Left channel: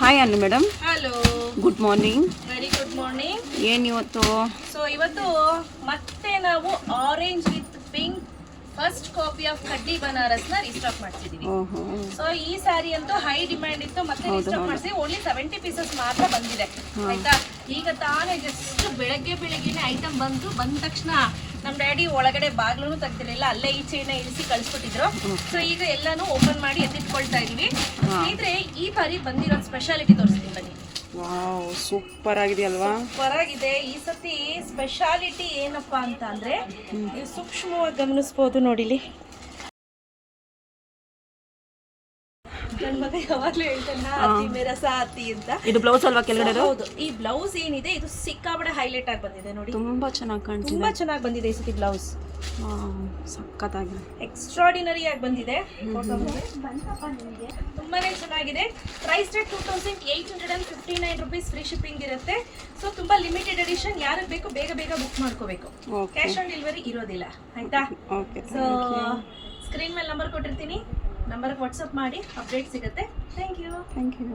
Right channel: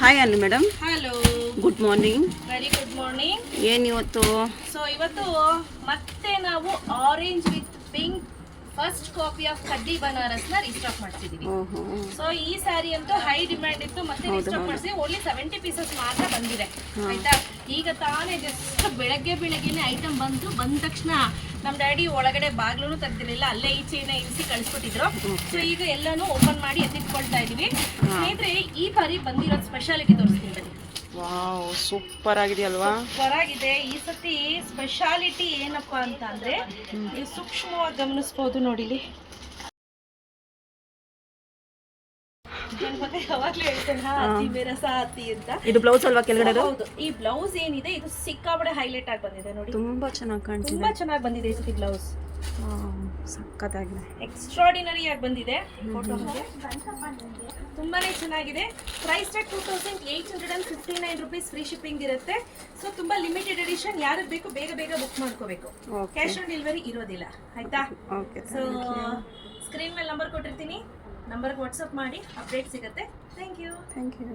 Hi ಅನ್ನು madam. Hello, good morning. Very good morning. ಏನು ಇವತ್ತು? ಸೊ ಇವತ್ತು ಮತ್ತೆ ನಾವು orange with pink first copy of cuddly ಬನಾರಸ್ನ ರೀಸ್ಟಾಕ್ ಮಾಡ್ತಿದೀವಿ. ಸೊ ಈ ಸ್ಯಾರಿ ಅಂತೂ ಹೈ ಡಿಮ್ಯಾಂಡ್ ಇತ್ತು, ಮತ್ತೆ ರೀಸ್ಟಾಕ್ ಮಾಡಿಸಿ ಓನ್ಲಿ 70 ಪೀಸಸ್ ಮಾತ್ರ ಬಂದಿದೆ. ಆಯ್ತಾ, ಈಗ ತಾನೇ ಜಸ್ಟ್ ಬೆಳಗ್ಗೆನೆ ಐಟಮ್ ಬಂದ ತಕ್ಷಣ ನಮ್ಮ ಡ್ಯಾಡಿ ಒಳಗಡೆ ಬಾಗ್ಲೂ ತೆಗ್ದಿರಲಿಲ್ಲ, ಅಲ್ಲೇ ಈಚೆನ ಇರಿಸಿ ಕಳಿಸ್ಕೊಟ್ಟಿದ್ರು. ಸೊ ಈಗ ಎಲ್ಲಾನು ಓಪನ್ ಮಾಡಿ ಎತ್ತಿಟ್ಕೊಳ್ತಾ ಇದೀವಿ. ಸ್ನೇಹಿತರೆ, ಈ ಬಾರಿ ಬಂದಿರೋ ಸ್ಪೆಷಾಲಿಟಿ ತೋರಿಸ್ತೀನಿ ಬನ್ನಿ. Wow, super ಆಗಿದೆಯಲ್ವಾ? ಸೂಪರ್ ಆಗಿದೆ. ಈ ಸತಿ ಸ್ಪೆಷಾಲಿಟಿ ಏನಪ್ಪಾ ಅಂತ ಅಂದ್ರೆ, ನೀವು ಸೂಕ್ಷ್ಮವಾಗಿ ಗಮನಿಸಬಹುದು ನೋಡಿಲಿ. ಮತ್ತೆ ಯಾವಾಗ್ಲೂ ಹೇಳ್ತೇನೆ ಹತ್ತಿ ಮೇರಸ ಹತ್ತಿ ಅಂತ. ಇದು ಬ್ಲೌಸ್ ಅಲ್ವಾ ಕೆಳಗಡೆ? ಹೌದು, ಈ ಬ್ಲೌಸ್ ಏನಿದೆ ಇದು ಸಿಕ್ಕಾಬಡೆ ಹೈಲೈಟ್ ಆಗಿ ಬಂದಿದೆ ನೋಡಿ. ತುಂಬಾ ಚೆನ್ನಾಗಿ ಕಾಣ್ತಿದೆ. ತುಂಬಾ ಚೆನ್ನಾಗಿ ಬಂದಿದೆ ಈ ಸತಿ ಬ್ಲೌಸ್. ಸಕ್ಕತ್ತಾಗಿದೆ, ಎಕ್ಸ್ಟ್ರಾರ್ಡಿನರಿ ಆಗಿ ಬಂದಿದೆ. ತುಂಬಾನೇ ಚೆನ್ನಾಗಿದೆ. Price rate 2859 rupees, free shipping ಇರುತ್ತೆ. ಸೊ ತುಂಬಾ ಲಿಮಿಟೆಡ್ ಎಡಿಷನ್, ಯಾರಿಗೆ ಬೇಕು ಬೇಗ ಬುಕ್ ಮಾಡ್ಕೋಬೇಕು. ಕ್ಯಾಶ್ ಆನ್ ಡೆಲಿವರಿ ಇರೋದಿಲ್ಲ. ಆಯ್ತಾ? ಸೊ ಸ್ಕ್ರೀನ್ ಮೇಲೆ ನಂಬರ್ ಕೊಟ್ಟಿರ್ತೀನಿ, ನಂಬರ್ಗೆ ವಾಟ್ಸಪ್ ಮಾಡಿ ಅಪ್ಡೇಟ್ ಸಿಗುತ್ತೆ. Thank you.